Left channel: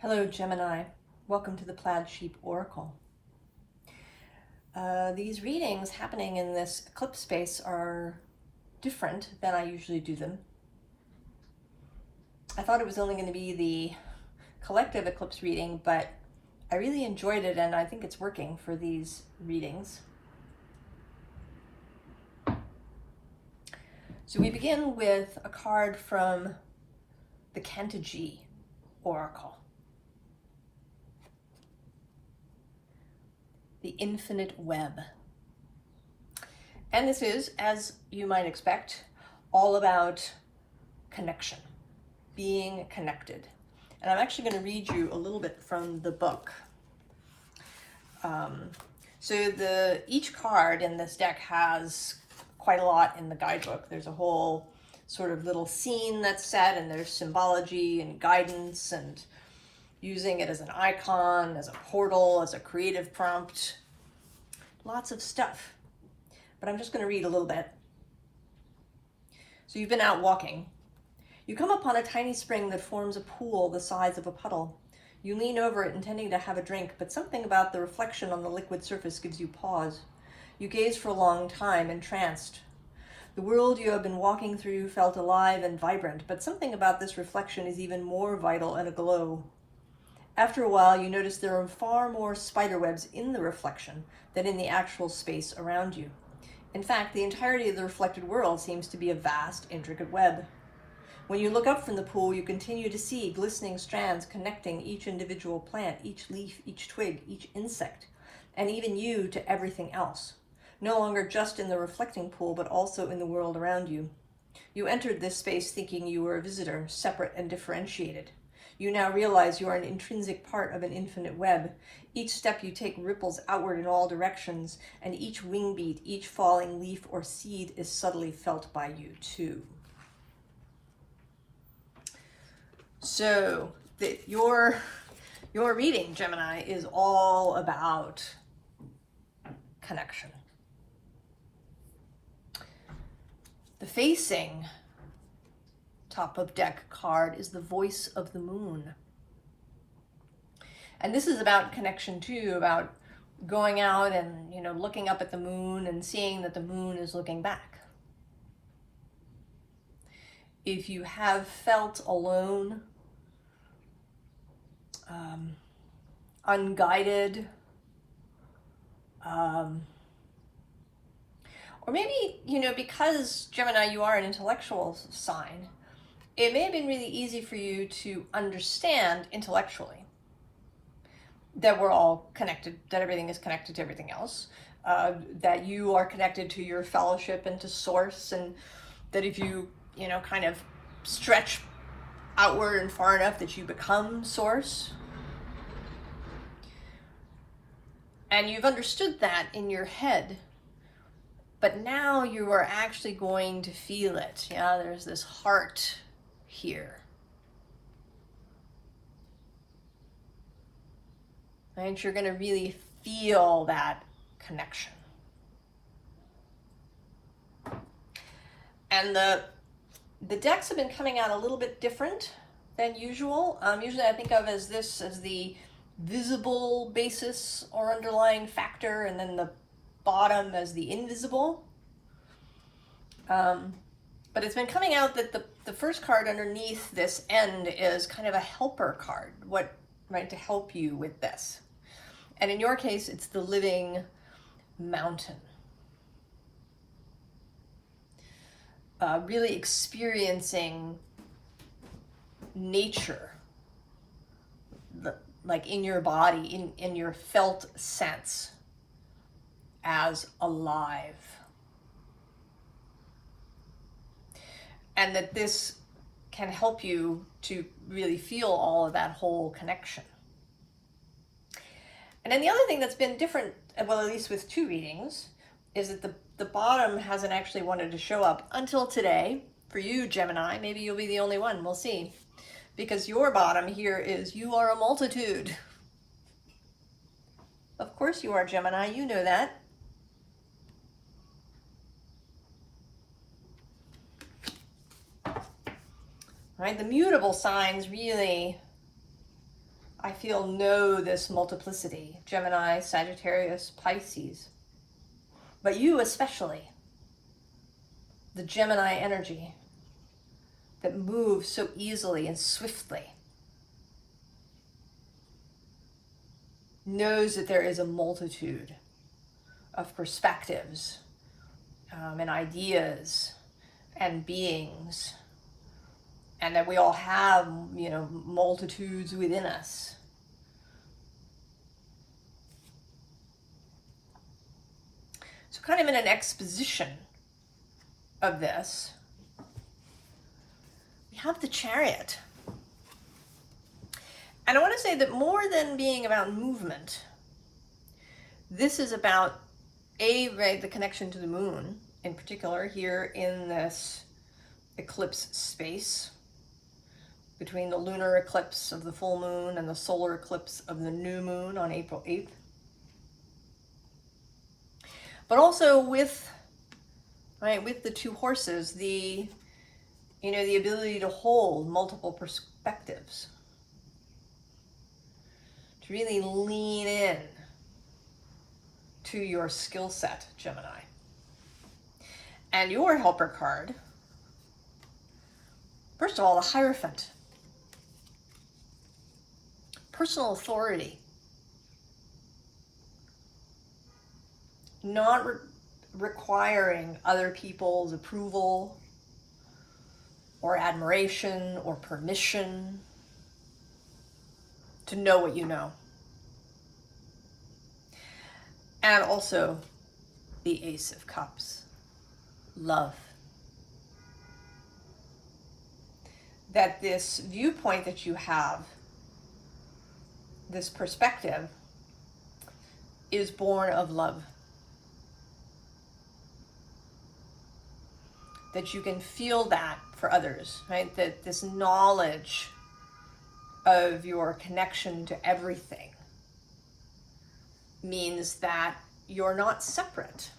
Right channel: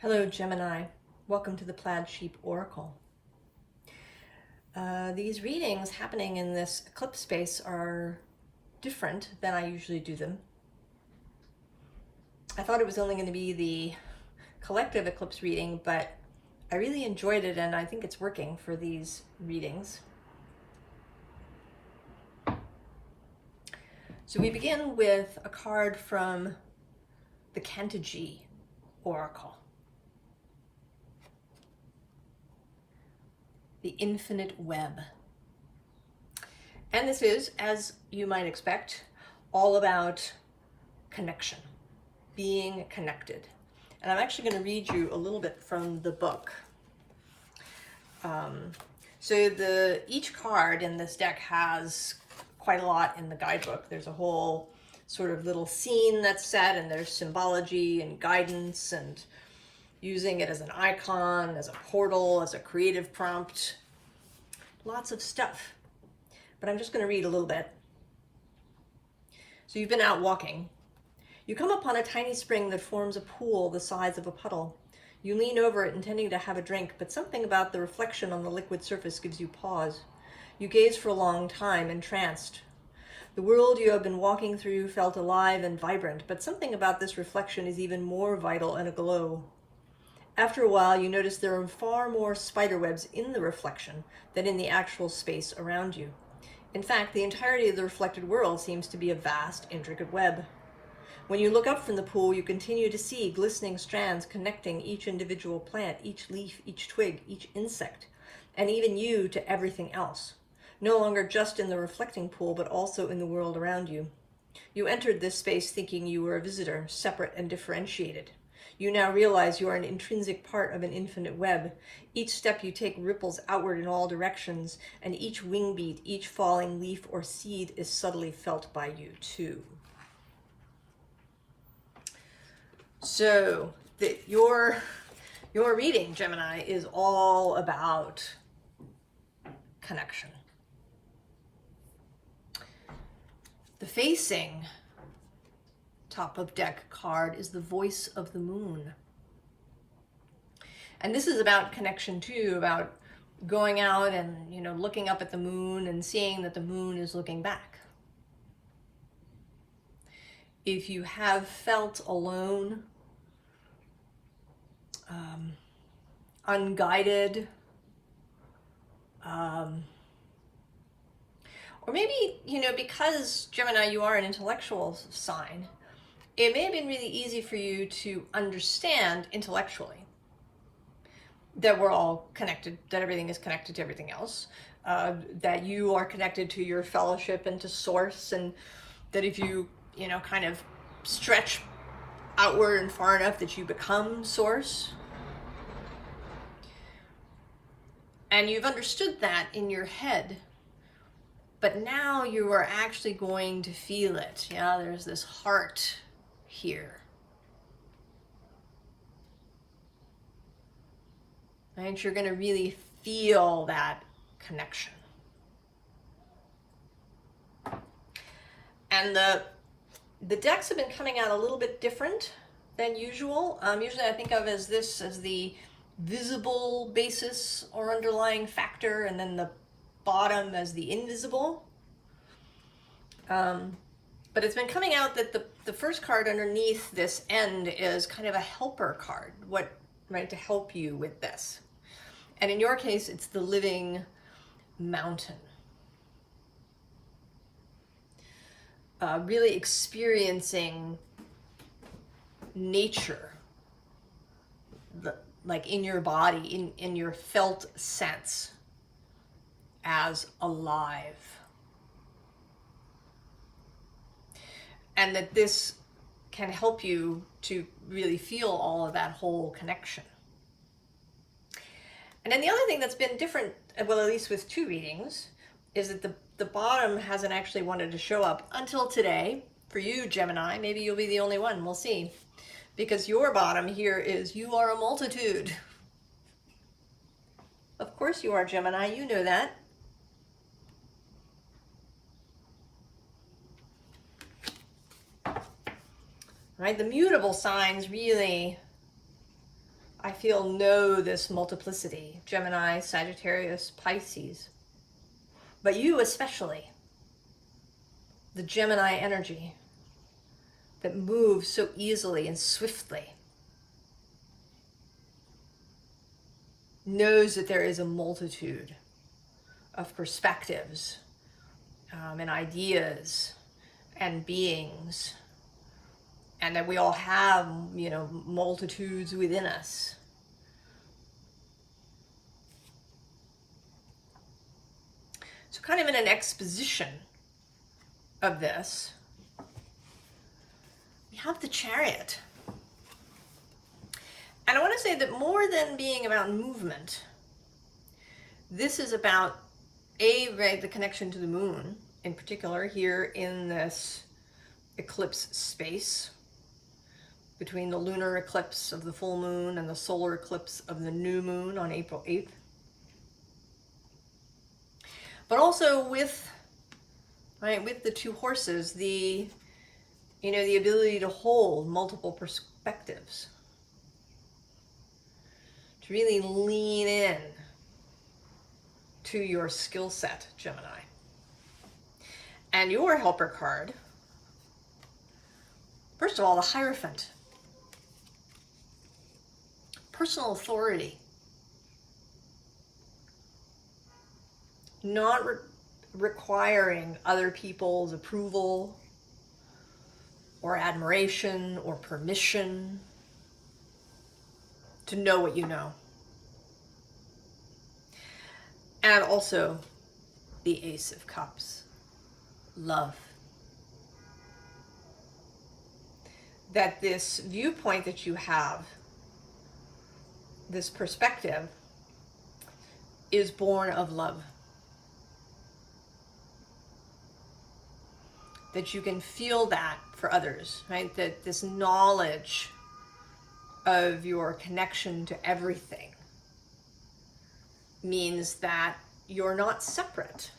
Hello, Gemini. Welcome to the Plaid Oracle. These readings happening in this eclipse space are different than I usually do them. I thought it was only going to be the collective eclipse reading, but I really enjoyed it and I think it's working for these readings. So we begin with a card from the Cantigee Oracle. The Infinite Web. And this is, as you might expect, all about connection, being connected. And I'm actually going to read you a little bit from the book. Each card in this deck has quite a lot in the guidebook. There's a whole sort of little scene that's set, and there's symbology and guidance and using it as an icon, as a portal, as a creative prompt. Lots of stuff. But I'm just going to read a little bit. So you've been out walking. You come upon a tiny spring that forms a pool the size of a puddle. You lean over it intending to have a drink, but something about the reflection on the liquid surface gives you pause. You gaze for a long time, entranced. The world you have been walking through felt alive and vibrant, but something about this reflection is even more vital and aglow. After a while, you notice there are far more spiderwebs in the reflection than in the actual space around you. In fact, the entirety of the reflected world seems to be a vast, intricate web. When you look up from the pool, you continue to see glistening strands connecting each individual plant, each leaf, each twig, each insect, and even you to everything else. No longer just in the reflecting pool, but also in the world around you. You entered this space thinking you were a visitor, separate and differentiated. You now realize you are an intrinsic part of an infinite web. Each step you take ripples outward in all directions, and each wing beat, each falling leaf or seed is subtly felt by you too. So, your reading, Gemini, is all about connection. The facing top of deck card is the voice of the moon. And this is about connection too, about going out and, looking up at the moon and seeing that the moon is looking back. If you have felt alone, unguided, or maybe, because Gemini, you are an intellectual sign, it may have been really easy for you to understand intellectually that we're all connected, that everything is connected to everything else, that you are connected to your fellowship and to source, and that if you, kind of stretch outward and far enough that you become source. And you've understood that in your head, but now you are actually going to feel it. Yeah, there's this heart here. Right? You're going to really feel that connection. And the decks have been coming out a little bit different than usual. Usually I think of as the visible basis or underlying factor, and then the bottom as the invisible. But it's been coming out that the first card underneath this end is kind of a helper card, to help you with this. And in your case, it's the living mountain. Really experiencing nature, like in your body, in your felt sense, as alive. And that this can help you to really feel all of that whole connection. And then the other thing that's been different, well, at least with two readings, is that the bottom hasn't actually wanted to show up until today. For you, Gemini, maybe you'll be the only one, we'll see. Because your bottom here is, you are a multitude. Of course you are, Gemini, you know that. Right, the mutable signs really I feel, know this multiplicity, Gemini, Sagittarius, Pisces. But you especially, the Gemini energy that moves so easily and swiftly, knows that there is a multitude of perspectives and ideas and beings, and that we all have, you know, multitudes within us. So kind of in an exposition of this, we have the Chariot. And I want to say that more than being about movement, this is about right, the connection to the moon, in particular here in this eclipse space, between the lunar eclipse of the full moon and the solar eclipse of the new moon on April 8th. But also with, right, with the two horses, the, you know, the ability to hold multiple perspectives, to really lean in to your skill set, Gemini. And your helper card, first of all, the Hierophant. Personal authority. Not requiring other people's approval or admiration or permission to know what you know. And also the Ace of Cups. Love. That this viewpoint that you have, this perspective, is born of love. That you can feel that for others, right? That this knowledge of your connection to everything means that you're not separate.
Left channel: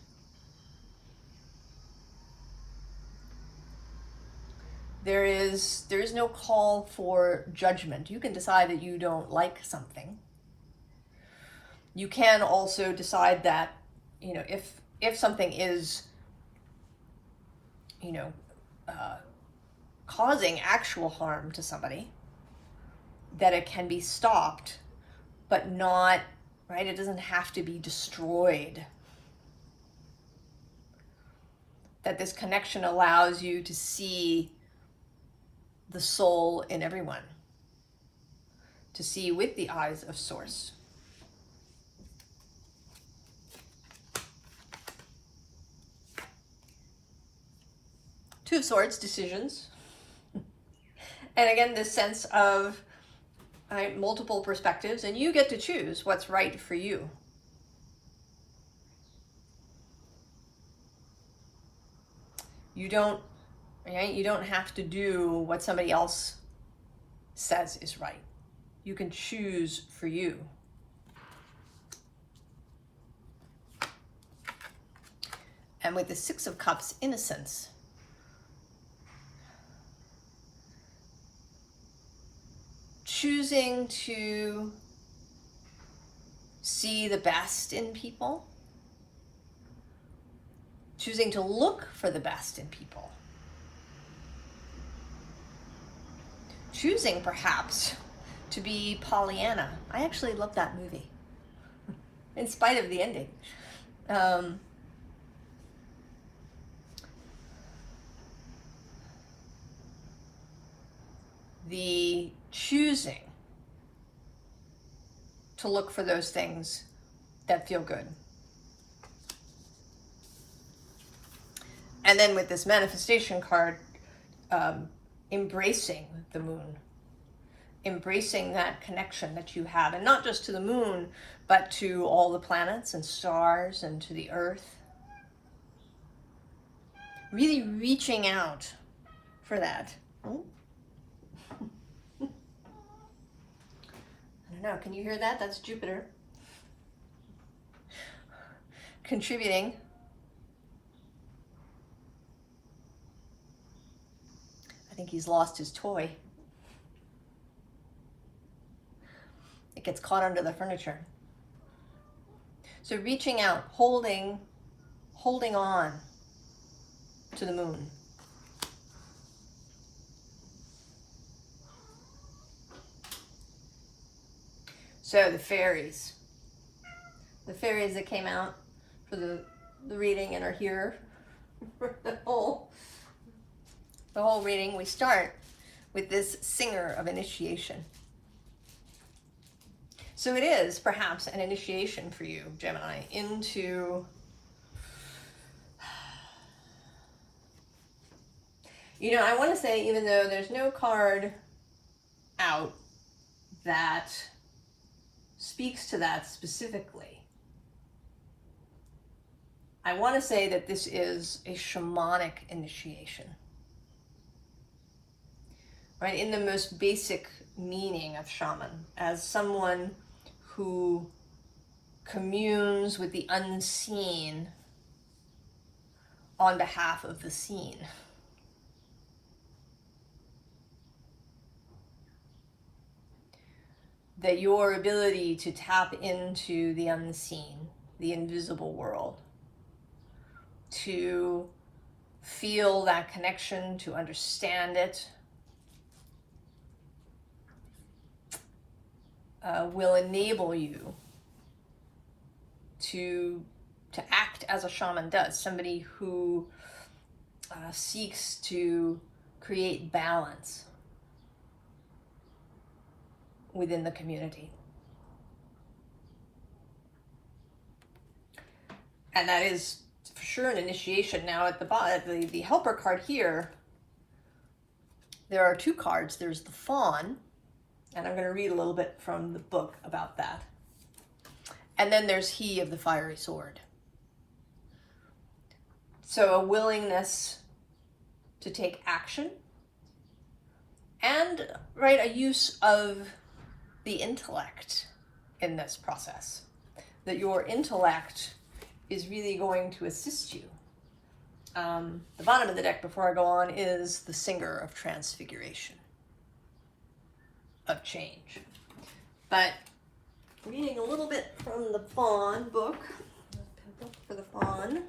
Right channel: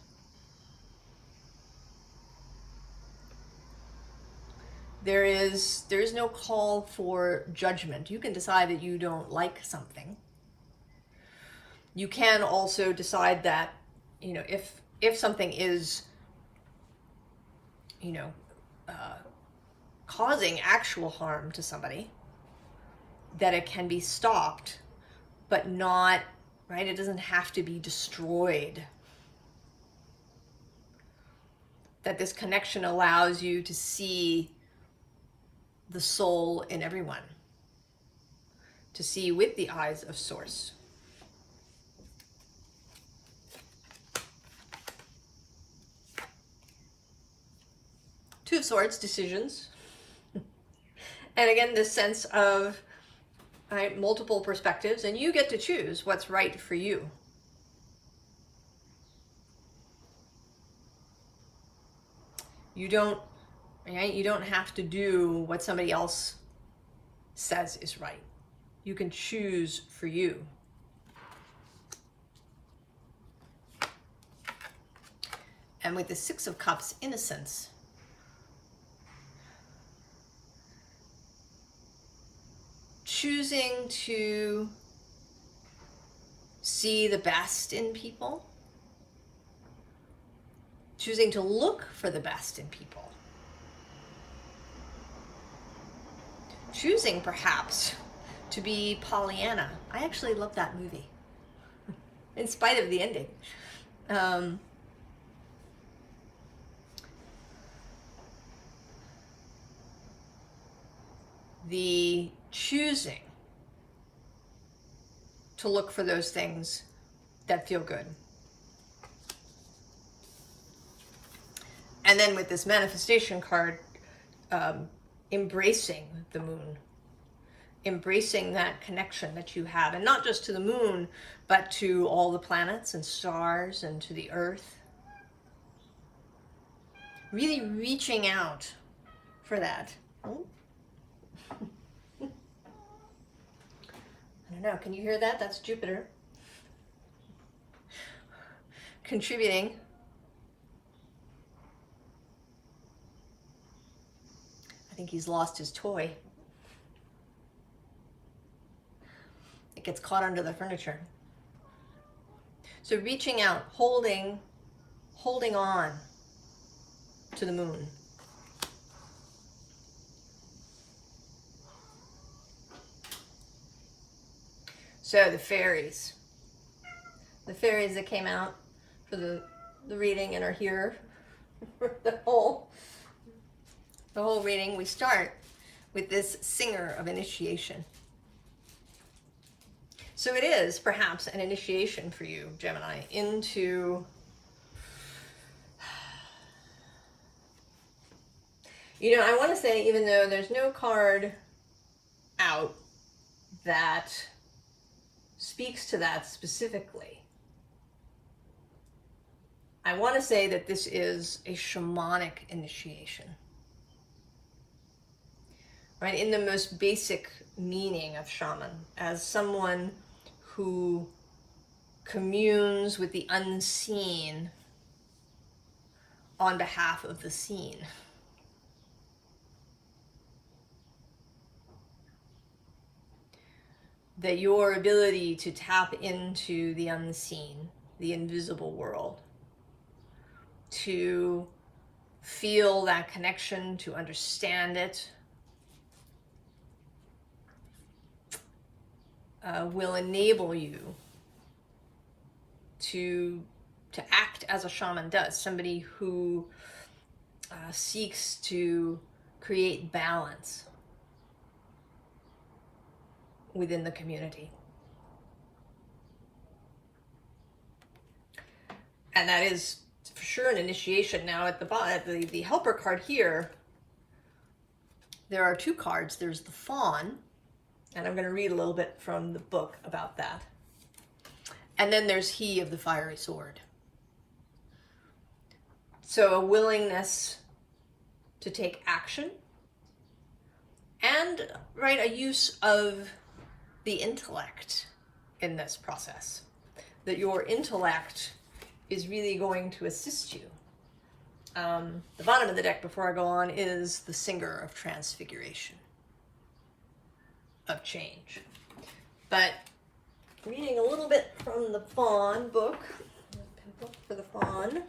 There's no call for judgment. You can decide that you don't like something. You can also decide that, you know, if something is, you know, causing actual harm to somebody, that it can be stopped, but not, right? It doesn't have to be destroyed. That this connection allows you to see the soul in everyone, to see with the eyes of Source. Two of Swords, decisions. And again, this sense of, right, multiple perspectives, and you get to choose what's right for you. You don't, right? You don't have to do what somebody else says is right. You can choose for you. And with the Six of Cups, innocence. Choosing to see the best in people. Choosing to look for the best in people. Choosing, perhaps, to be Pollyanna. I actually love that movie, in spite of the ending. The choosing to look for those things that feel good. And then with this manifestation card, embracing the moon, embracing that connection that you have, and not just to the moon, but to all the planets and stars and to the earth. Really reaching out for that. Oh. I don't know, can you hear that? That's Jupiter contributing. I think he's lost his toy. it gets caught under the furniture. So reaching out, holding on to the moon. So the fairies that came out for the reading and are here for the whole reading, we start with this singer of initiation. So it is perhaps an initiation for you, Gemini, into I want to say, even though there's no card out that speaks to that specifically, I want to say that this is a shamanic initiation. Right? In the most basic meaning of shaman, as someone who communes with the unseen on behalf of the seen. That your ability to tap into the unseen, the invisible world, to feel that connection, to understand it, will enable you to act as a shaman does, somebody who seeks to create balance within the community. And that is for sure an initiation. Now at the bottom, the helper card here, there are two cards. There's the fawn, and I'm going to read a little bit from the book about that. And then there's he of the fiery sword. So a willingness to take action and, right, a use of the intellect in this process. That your intellect is really going to assist you. The bottom of the deck, before I go on, is the singer of transfiguration, of change. But reading a little bit from the fawn book, for the fawn.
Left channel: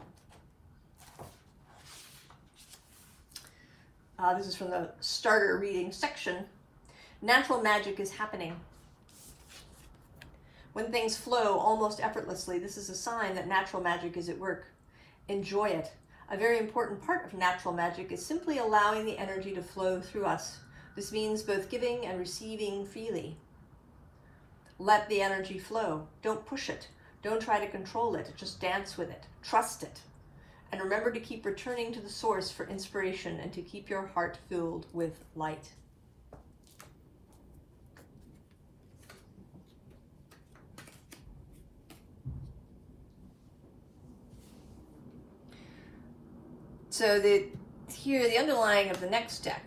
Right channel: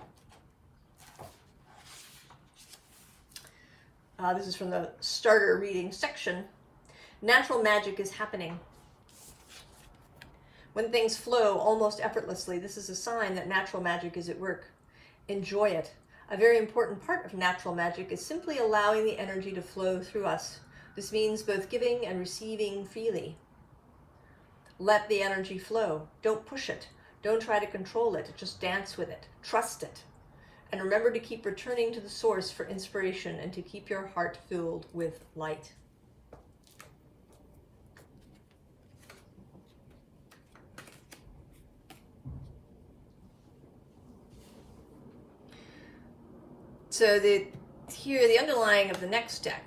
This is from the starter reading section. Natural magic is happening. When things flow almost effortlessly, this is a sign that natural magic is at work. Enjoy it. A very important part of natural magic is simply allowing the energy to flow through us. This means both giving and receiving freely. Let the energy flow. Don't push it. Don't try to control it. Just dance with it. Trust it. And remember to keep returning to the source for inspiration and to keep your heart filled with light. So here, the underlying of the next deck,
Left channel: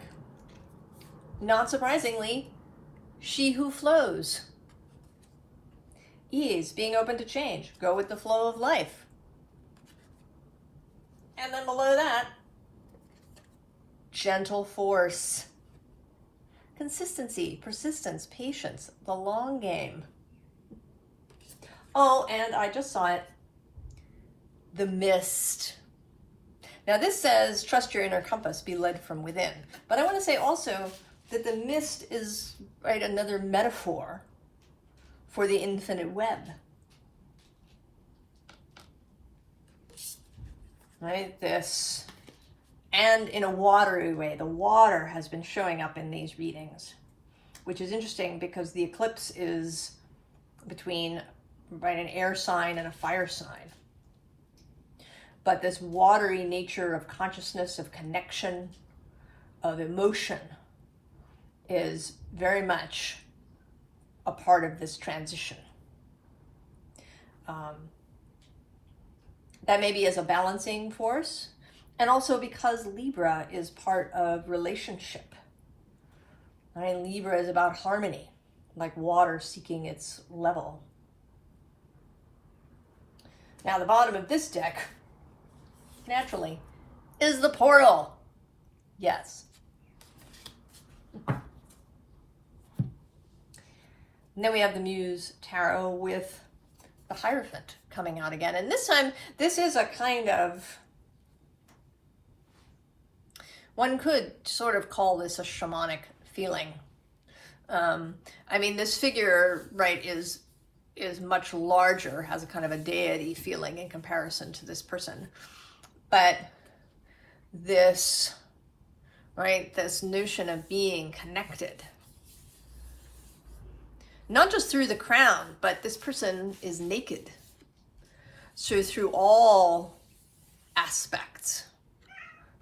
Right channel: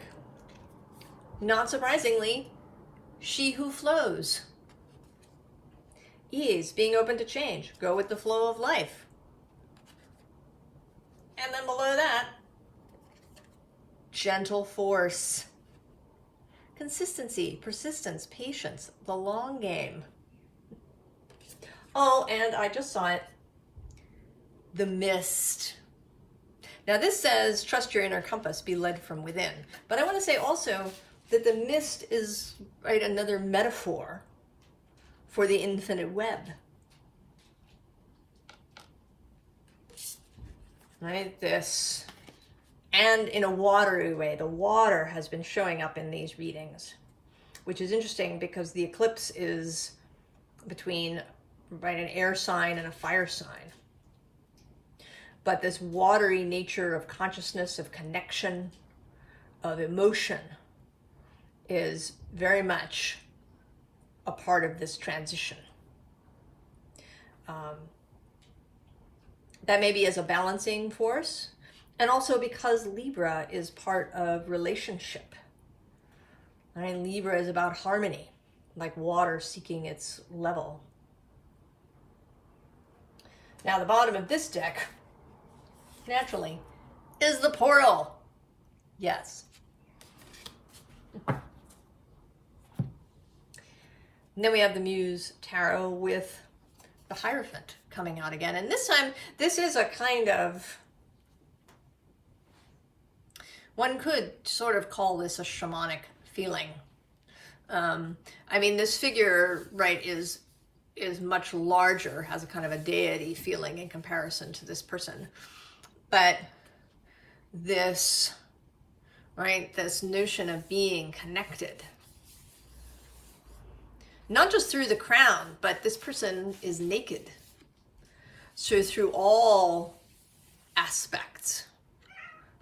not surprisingly, she who flows. Ease, being open to change, go with the flow of life. And then below that, gentle force. Consistency, persistence, patience, the long game. Oh, and I just saw it, the mist. Now this says, trust your inner compass, be led from within. But I want to say also that the mist is, right, another metaphor for the infinite web. Right, this, and in a watery way. The water has been showing up in these readings, which is interesting because the eclipse is between, right, an air sign and a fire sign. But this watery nature of consciousness, of connection, of emotion is very much a part of this transition. That maybe as a balancing force, and also because Libra is part of relationship. Right? Libra is about harmony, like water seeking its level. Now the bottom of this deck, naturally, is the portal. Yes. And then we have the Muse Tarot with the Hierophant coming out again. And this time, this is a kind of, one could sort of call this a shamanic feeling. I mean, this figure, right, is much larger, has a kind of a deity feeling in comparison to this person. But this, right, this notion of being connected, not just through the crown, but this person is naked. So through all aspects,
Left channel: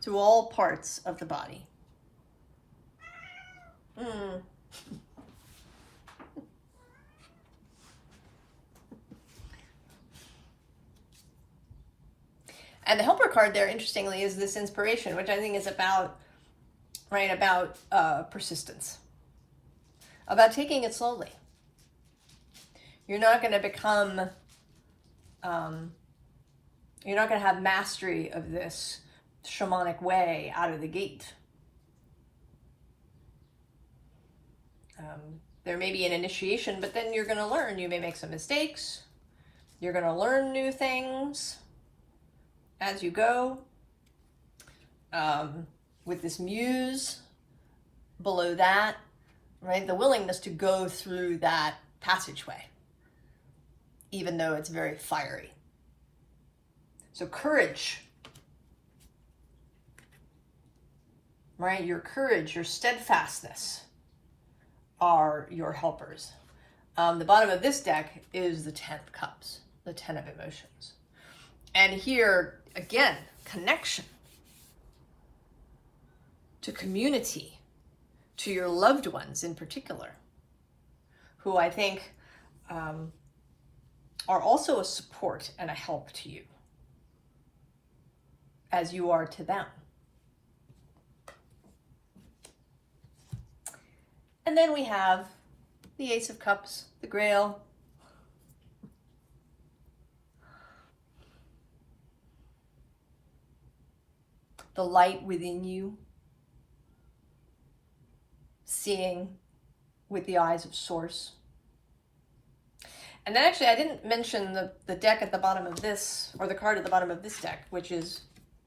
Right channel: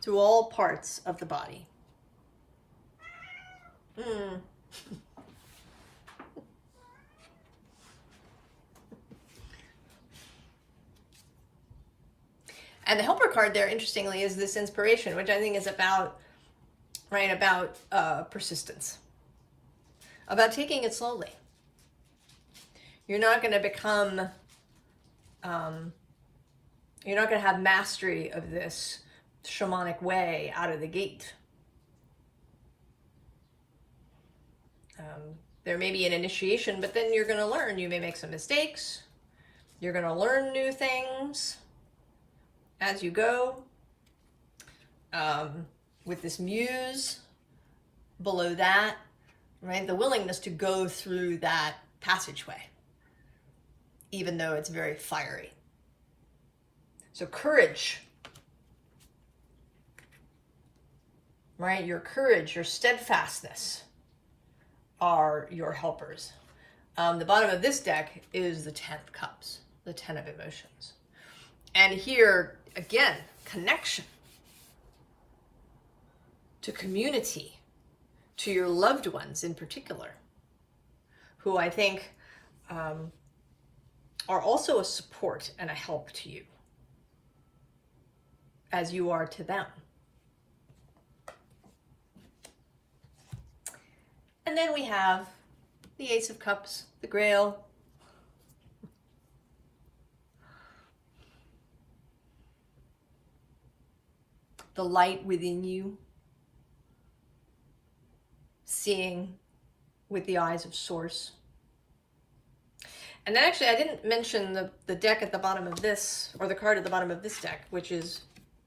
through all parts of the body. And the helper card there, interestingly, is this inspiration, which I think is about, right, about persistence, about taking it slowly. You're not going to become, you're not going to have mastery of this shamanic way out of the gate. There may be an initiation, but then you're going to learn. You may make some mistakes. You're going to learn new things as you go. With this muse below that, right? The willingness to go through that passageway, even though it's very fiery. So courage, right? Your courage, your steadfastness are your helpers. The bottom of this deck is the 10 of Cups, the 10 of Emotions. And here, again, connection to community, to your loved ones in particular, who I think are also a support and a help to you, as you are to them. And then we have the Ace of Cups, the Grail, the light within you, seeing with the eyes of Source. And then actually I didn't mention the deck at the bottom of this, or the card at the bottom of this deck, which is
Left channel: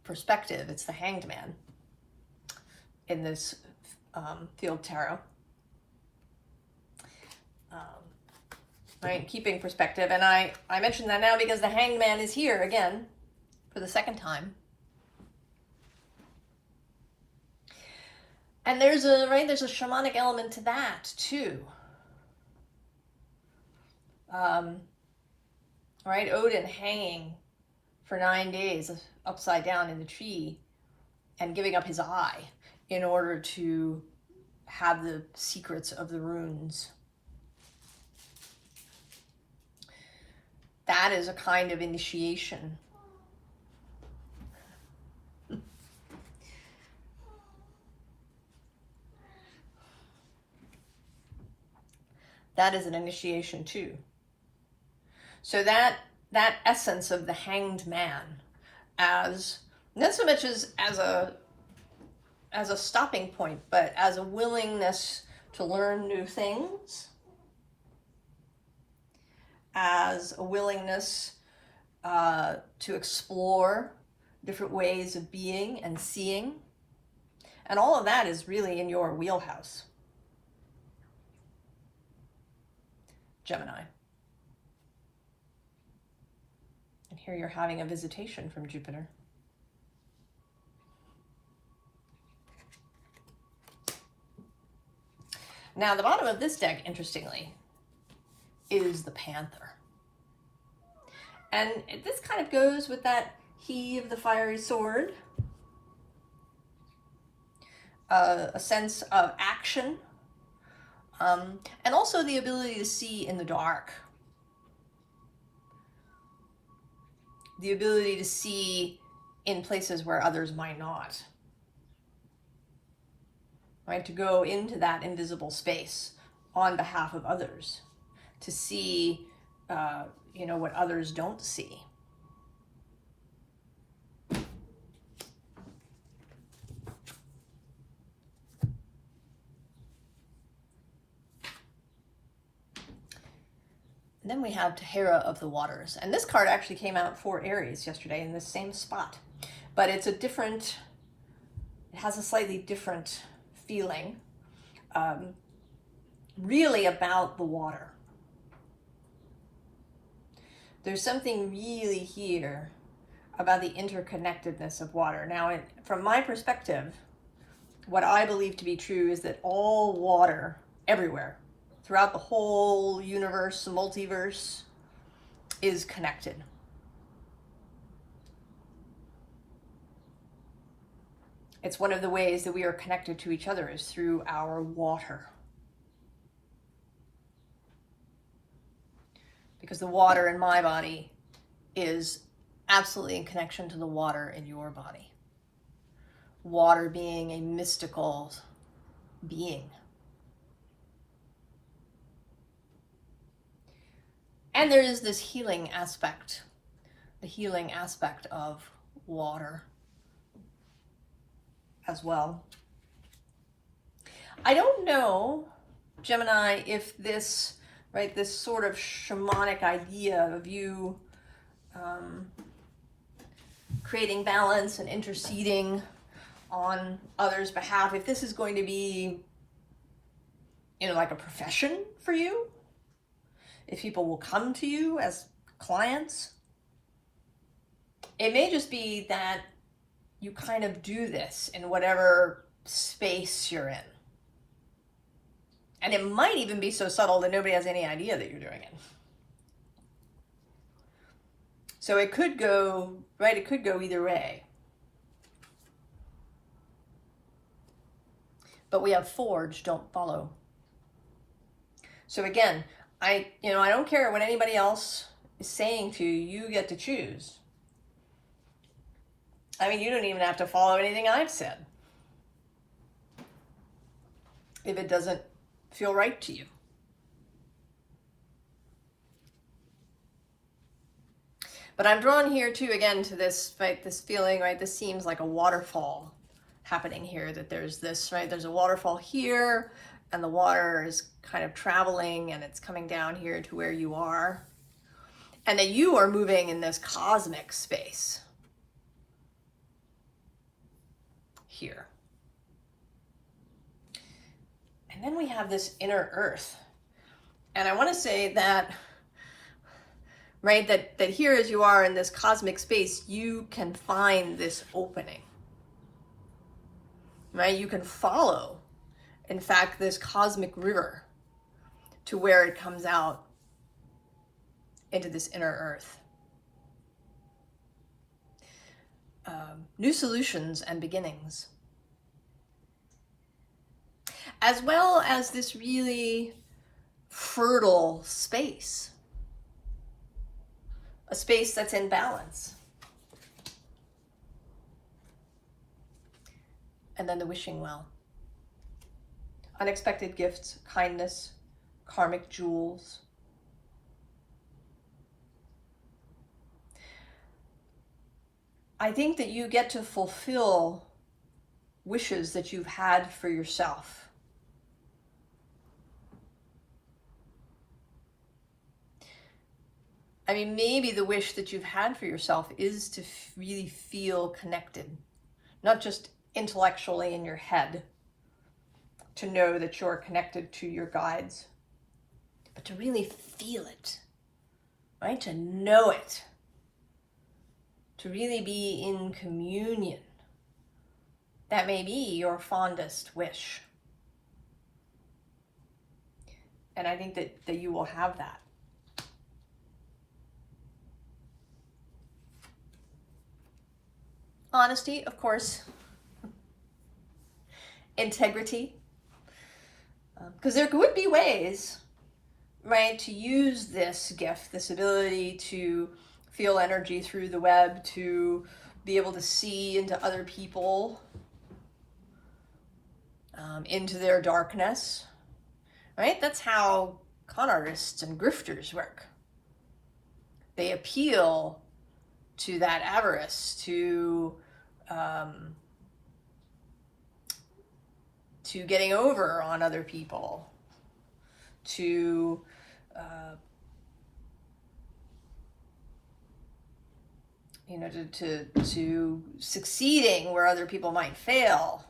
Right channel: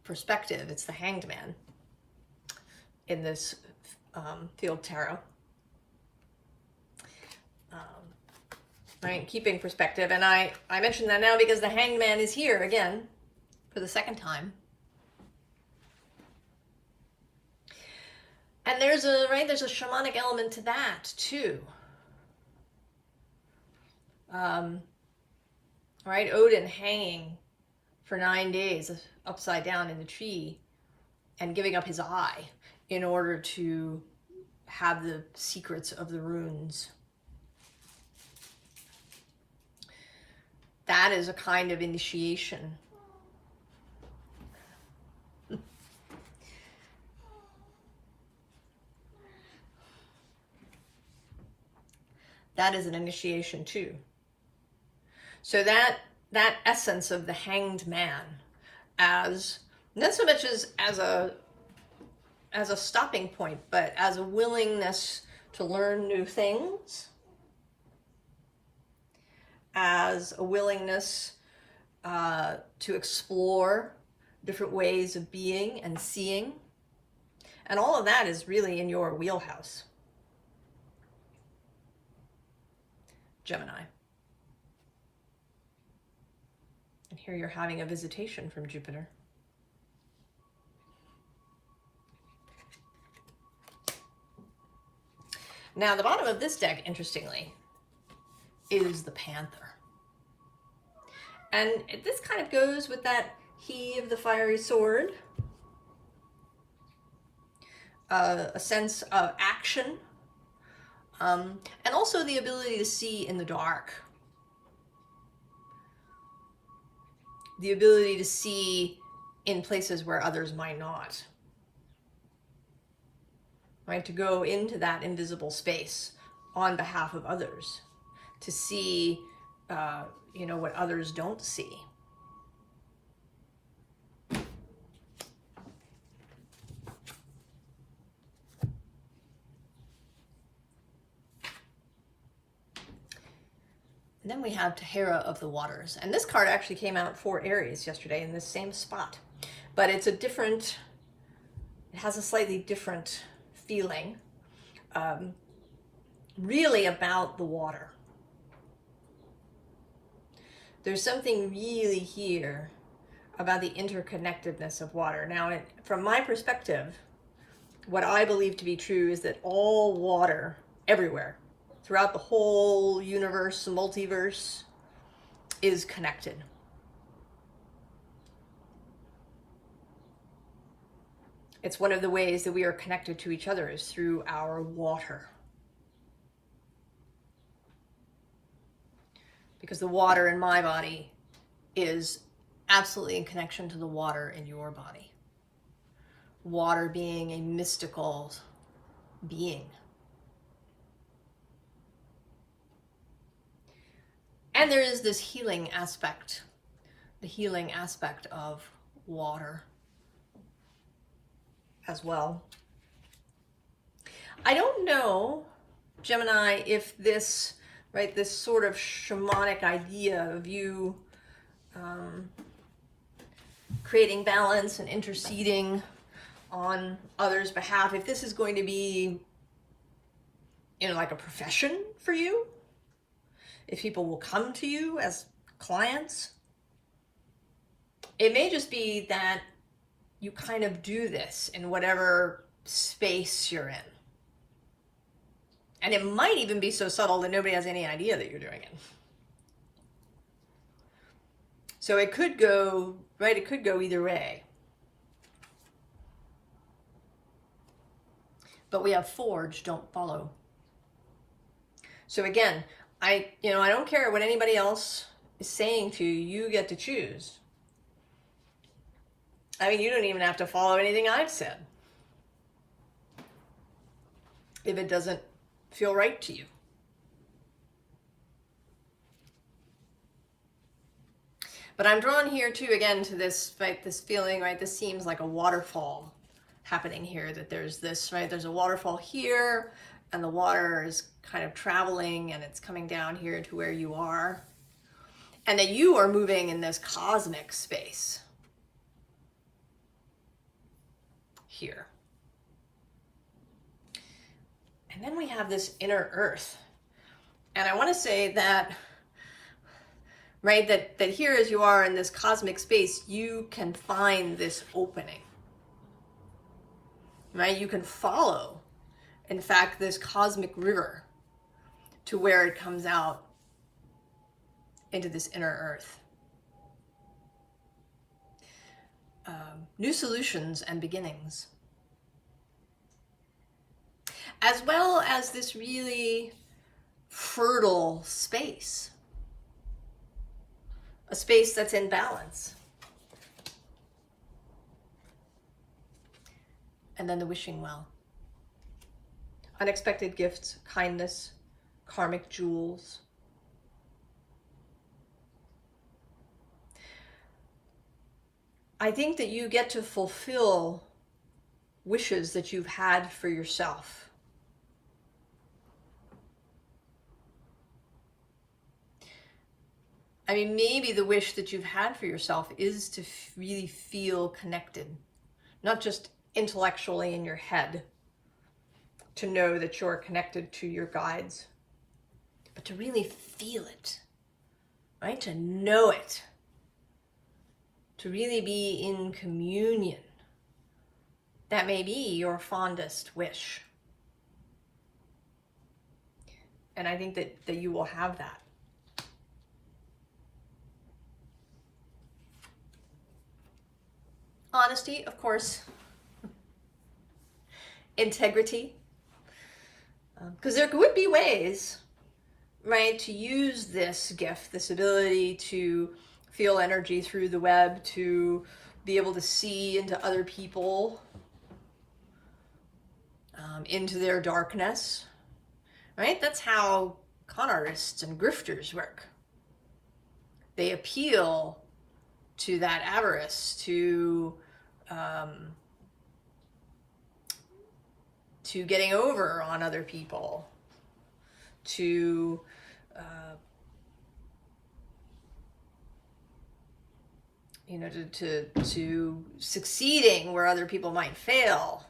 perspective. It's the Hanged Man in this field tarot. Right, keeping perspective. And I mention that now because the Hanged Man is here again for the second time. And there's a shamanic element to that too. Right, Odin hanging for 9 days upside down in the tree and giving up his eye in order to have the secrets of the runes. That is a kind of initiation. That is an initiation too. So that essence of the Hanged Man, as not so much as a stopping point, but as a willingness to learn new things, as a willingness to explore different ways of being and seeing. And all of that is really in your wheelhouse, Gemini. And here you're having a visitation from Jupiter. Now, the bottom of this deck, interestingly, is the Panther. And this kind of goes with that he of the fiery sword, a sense of action, and also the ability to see in the dark, the ability to see in places where others might not, right? To go into that invisible space on behalf of others, to see what others don't see. And then we have Tahara of the Waters. And this card actually came out for Aries yesterday in the same spot. But it's a different, it has a slightly different feeling. Really about the water. There's something really here about the interconnectedness of water. Now, from my perspective, what I believe to be true is that all water, everywhere, throughout the whole universe, multiverse, is connected. It's one of the ways that we are connected to each other is through our water. Because the water in my body is absolutely in connection to the water in your body. Water being a mystical being. And there is this healing aspect, the healing aspect of water as well. I don't know, Gemini, if this, right, this sort of shamanic idea of you creating balance and interceding on others' behalf, if this is going to be, you know, like a profession for you, if people will come to you as clients. It may just be that you kind of do this in whatever space you're in. And it might even be so subtle that nobody has any idea that you're doing it. So it could go, right, it could go either way. But we have forge, don't follow. So again, I don't care what anybody else is saying to you, you get to choose. I mean, you don't even have to follow anything I've said if it doesn't feel right to you. But I'm drawn here too, again, to this, right, this feeling, right, this seems like a waterfall happening here, that there's this, right, there's a waterfall here, and the water is kind of traveling, and it's coming down here to where you are, and that you are moving in this cosmic space here. And then we have this inner earth. And I want to say that, right, that here as you are in this cosmic space, you can find this opening. Right? You can follow, in fact, this cosmic river to where it comes out into this inner earth. New solutions and beginnings. As well as this really fertile space. A space that's in balance. And then the wishing well. Unexpected gifts, kindness, karmic jewels. I think that you get to fulfill wishes that you've had for yourself. I mean, maybe the wish that you've had for yourself is to really feel connected, not just intellectually in your head, to know that you're connected to your guides, but to really feel it, right? To know it, to really be in communion. That may be your fondest wish. And I think that you will have that. Honesty, of course. Integrity. Because there would be ways, right, to use this gift, this ability to feel energy through the web, to be able to see into other people, into their darkness, right? That's how con artists and grifters work. They appeal to that avarice, to getting over on other people, to you know, to succeeding where other people might fail.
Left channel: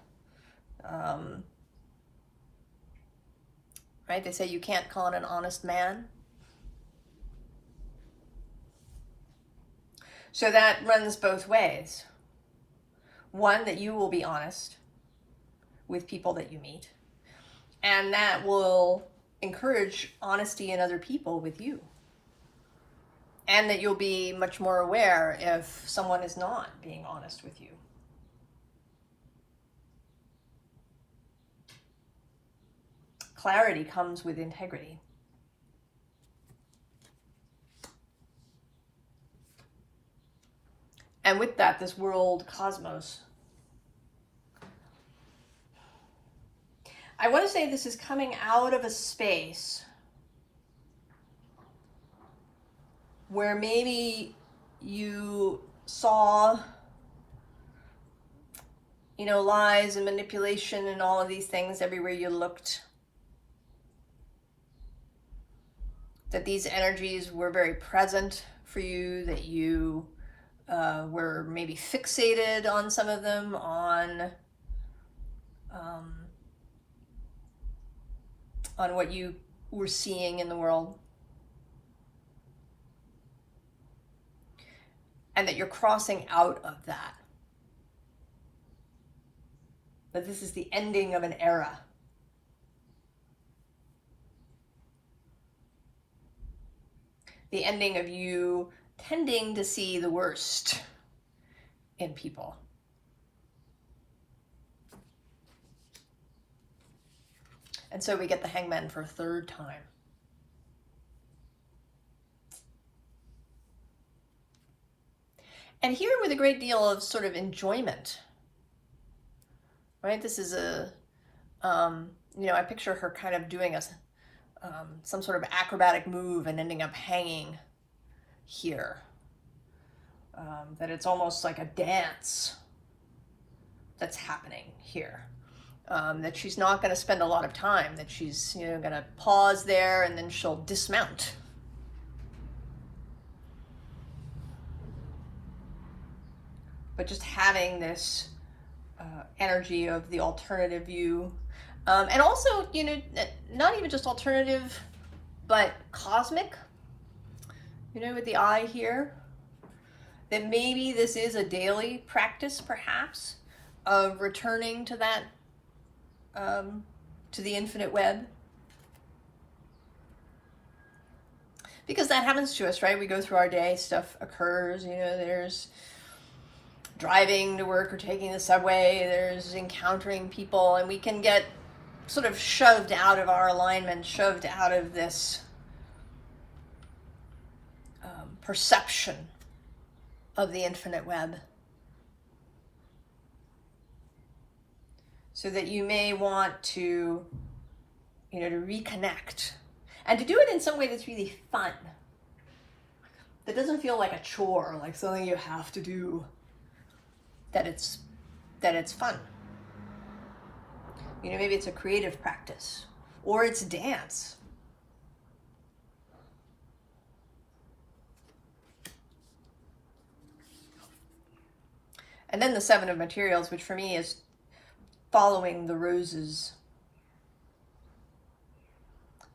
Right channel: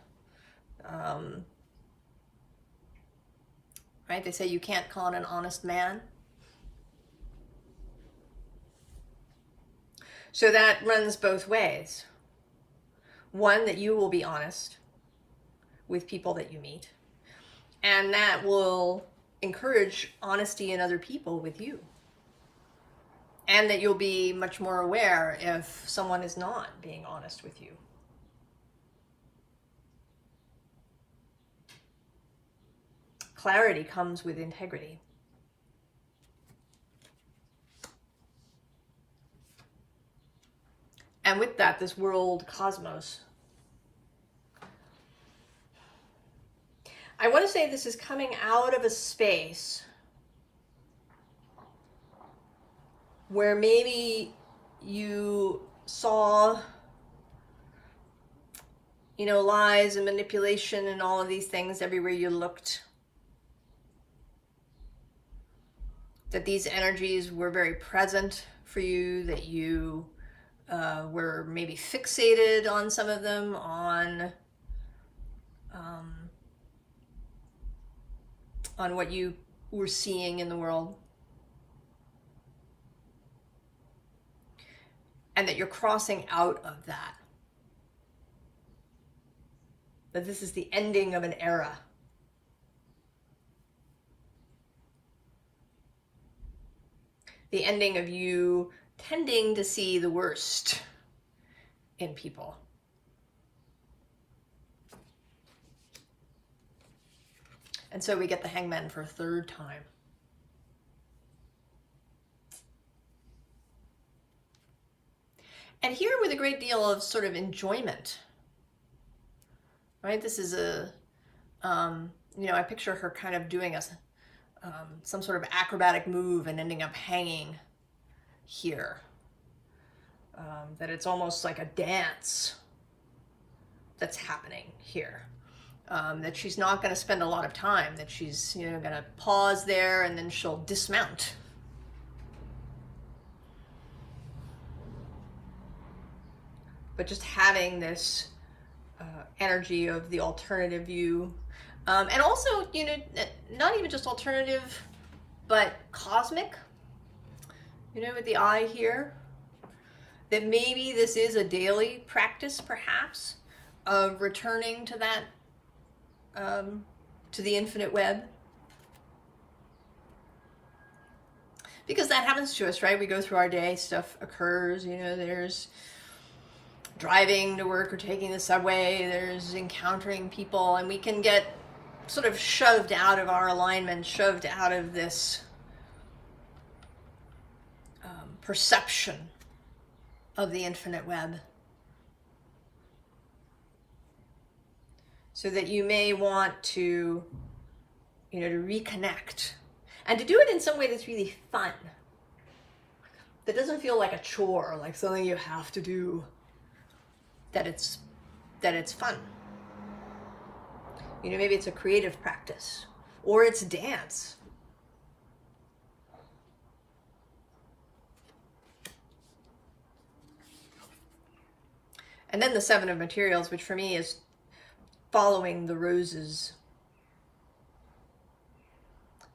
Right? They say you can't con an honest man. So that runs both ways. One, that you will be honest with people that you meet, and that will encourage honesty in other people with you. And that you'll be much more aware if someone is not being honest with you. Clarity comes with integrity. And with that, this world cosmos. I want to say this is coming out of a space where maybe you saw, you know, lies and manipulation and all of these things everywhere you looked. That these energies were very present for you, that you were maybe fixated on some of them, on what you were seeing in the world. And that you're crossing out of that. That this is the ending of an era. The ending of you tending to see the worst in people. And so we get the Hangman for a third time. And here with a great deal of sort of enjoyment, right? This is a, you know, I picture her kind of doing some sort of acrobatic move and ending up hanging here. That it's almost like a dance that's happening here. That she's not going to spend a lot of time, that she's, you know, going to pause there and then she'll dismount. But just having this energy of the alternative view. And also, you know, not even just alternative, but cosmic. You know, with the eye here. That maybe this is a daily practice, perhaps, of returning to that, to the infinite web. Because that happens to us, right? We go through our day, stuff occurs, you know, there's driving to work or taking the subway, there's encountering people, and we can get sort of shoved out of our alignment, shoved out of this perception of the infinite web. So that you may want to, you know, to reconnect. And to do it in some way that's really fun. That doesn't feel like a chore, like something you have to do. That it's fun. You know, maybe it's a creative practice. Or it's dance. And then the Seven of Materials, which for me is following the roses.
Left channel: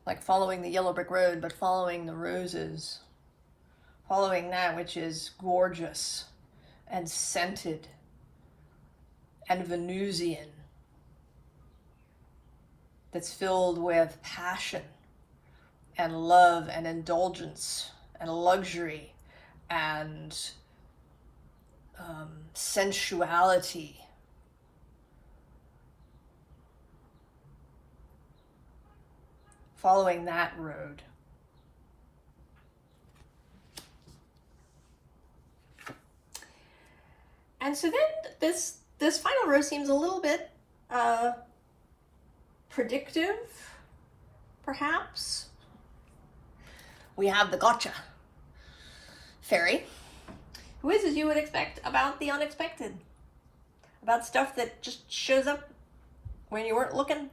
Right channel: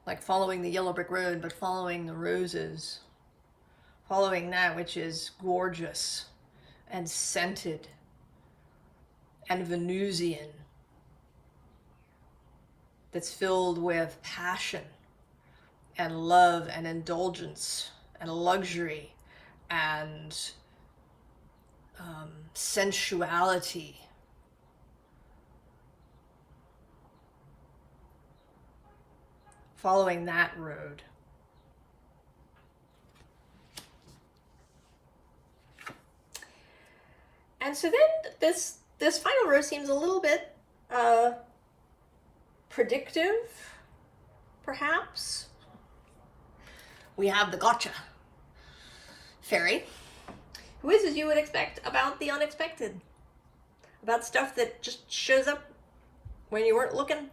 Like following the yellow brick road, but following the roses. Following that which is gorgeous and scented and Venusian. That's filled with passion and love and indulgence and luxury and sensuality. Following that road. And so then this final row seems a little bit predictive, perhaps. We have the gotcha fairy, who is, as you would expect, about the unexpected. About stuff that just shows up when you weren't looking.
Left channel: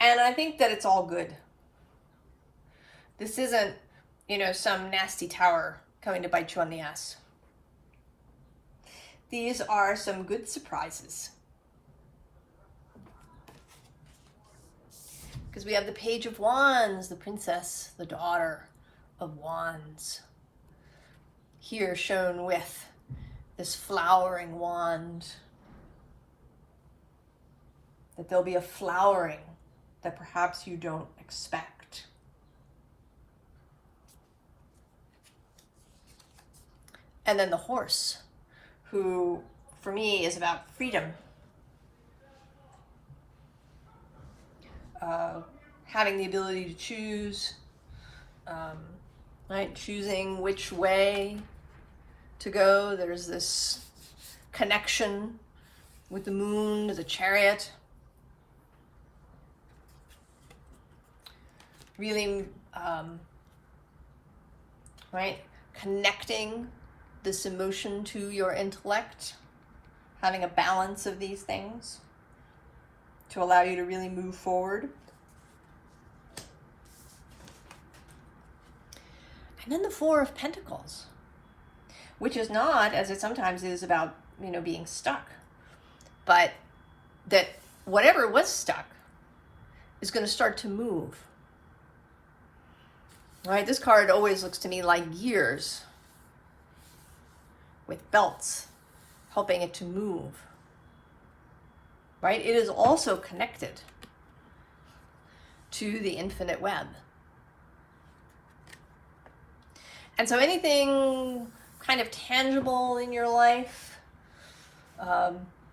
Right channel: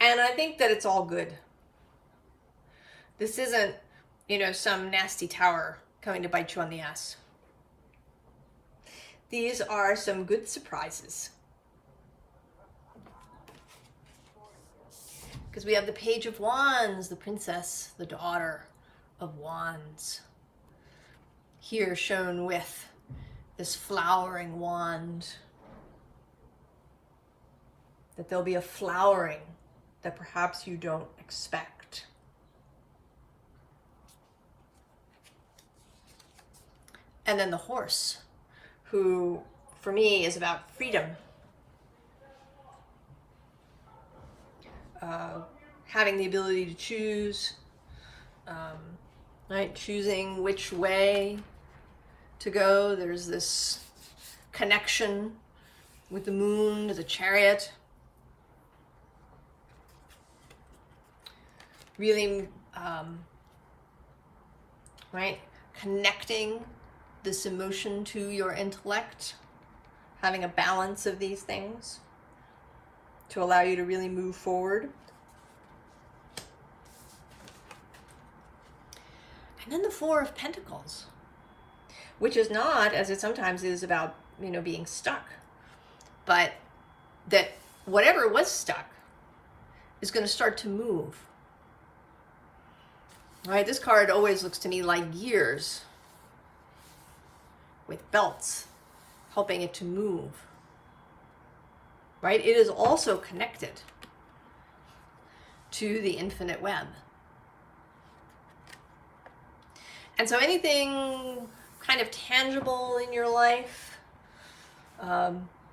And I think that it's all good. This isn't, you know, some nasty tower coming to bite you on the ass. These are some good surprises. Because we have the Page of Wands, the princess, the daughter of Wands. Here shown with this flowering wand. That there'll be a flowering that perhaps you don't expect. And then the horse, who for me is about freedom. Having the ability to choose, right? Choosing which way to go. There's this connection with the moon, the chariot. Really, right? Connecting this emotion to your intellect, having a balance of these things to allow you to really move forward. And then the Four of Pentacles, which is not, as it sometimes is, about, you know, being stuck, but that whatever was stuck is going to start to move. Right? This card always looks to me like gears with belts helping it to move. Right? It is also connected to the infinite web. And so anything kind of tangible in your life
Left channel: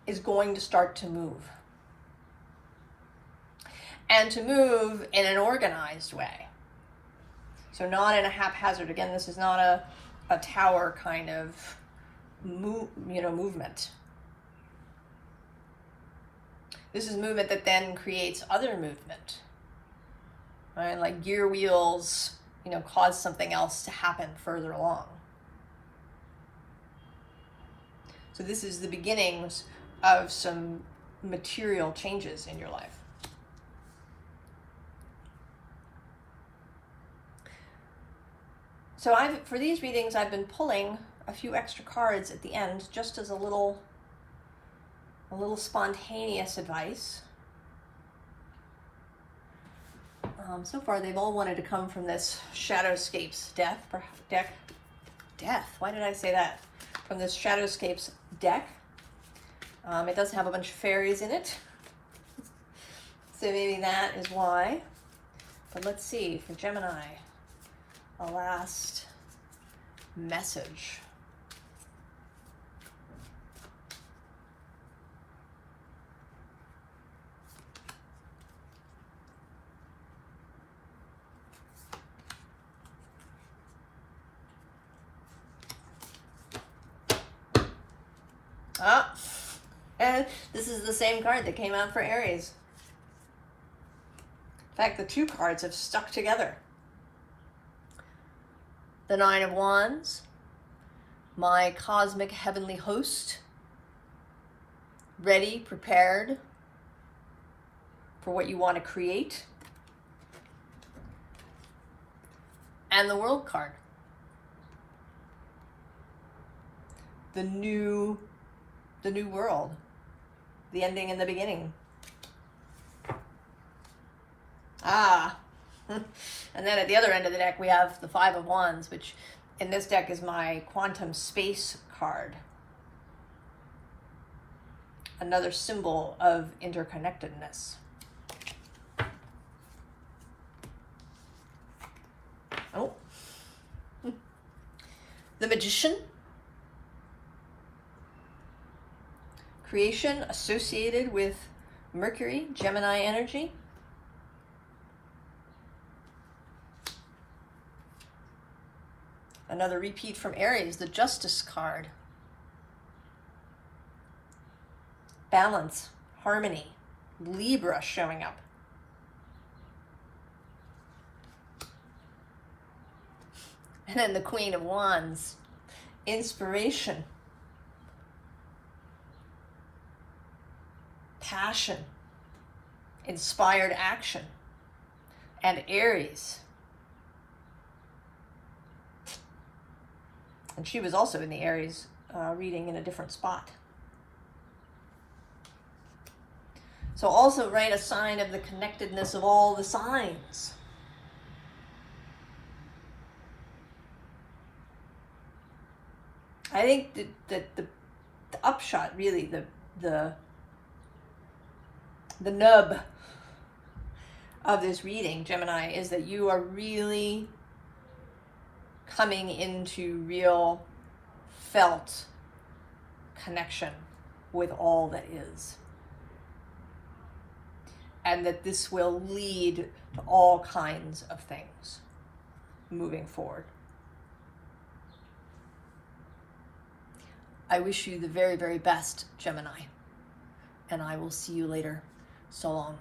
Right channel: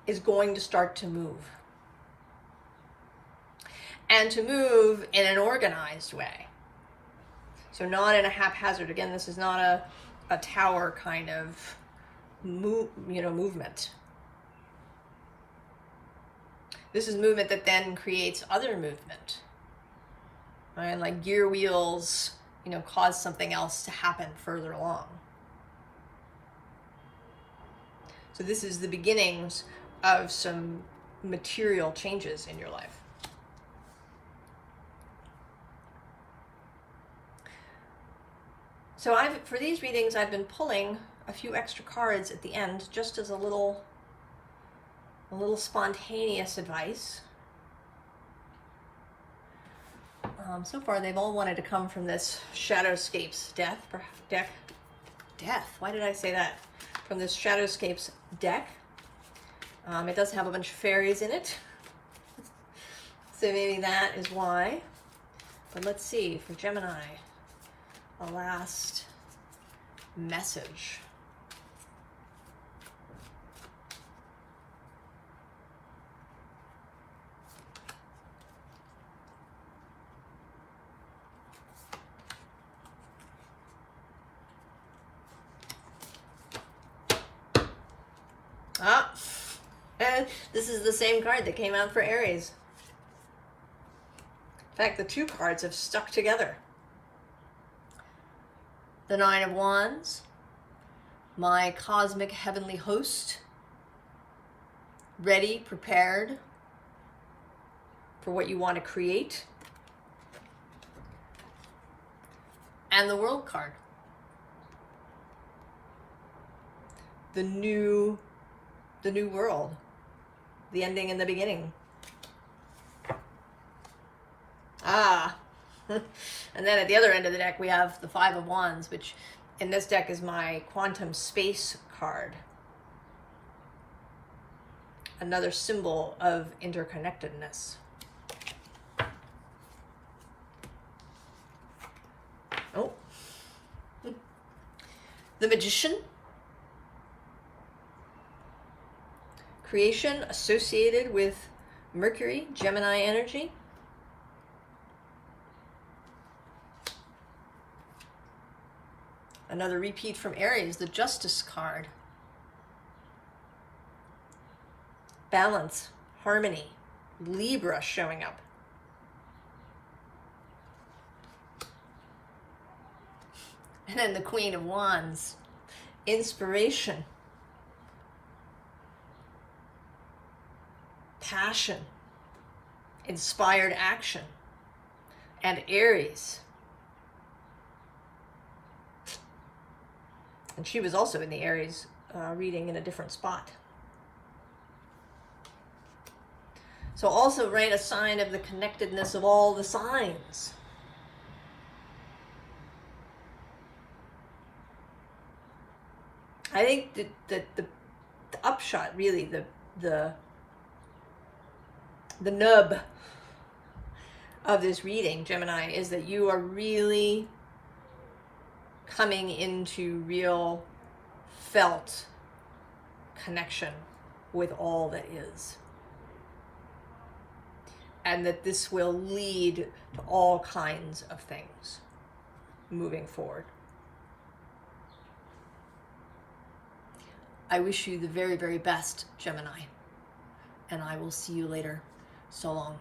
is going to start to move. And to move in an organized way. So not in a haphazard. Again, this is not a tower kind of movement. This is movement that then creates other movement. Right? Like gear wheels, you know, cause something else to happen further along. So this is the beginnings of some material changes in your life. So for these readings, I've been pulling a few extra cards at the end, just as a little spontaneous advice. So far, they've all wanted to come from this Shadowscapes deck. Why did I say that? From this Shadowscapes deck. It does have a bunch of fairies in it. So maybe that is why. But let's see, for Gemini, a last message. And this is the same card that came out for Aries. In fact, the two cards have stuck together. The Nine of Wands, my cosmic heavenly host, ready, prepared for what you want to create. And the World card. The new world. The ending and the beginning. And then at the other end of the deck, we have the Five of Wands, which in this deck is my quantum space card. Another symbol of interconnectedness. Oh. The Magician. Creation associated with Mercury, Gemini energy. Another repeat from Aries, the Justice card. Balance, harmony, Libra showing up. And then the Queen of Wands, inspiration, passion, inspired action, and Aries. And she was also in the Aries reading in a different spot. So also, right, a sign of the connectedness of all the signs. I think that the upshot, really, the nub of this reading, Gemini, is that you are really coming into real felt connection with all that is. And that this will lead to all kinds of things moving forward. I wish you the very, very best, Gemini. And I will see you later. So long.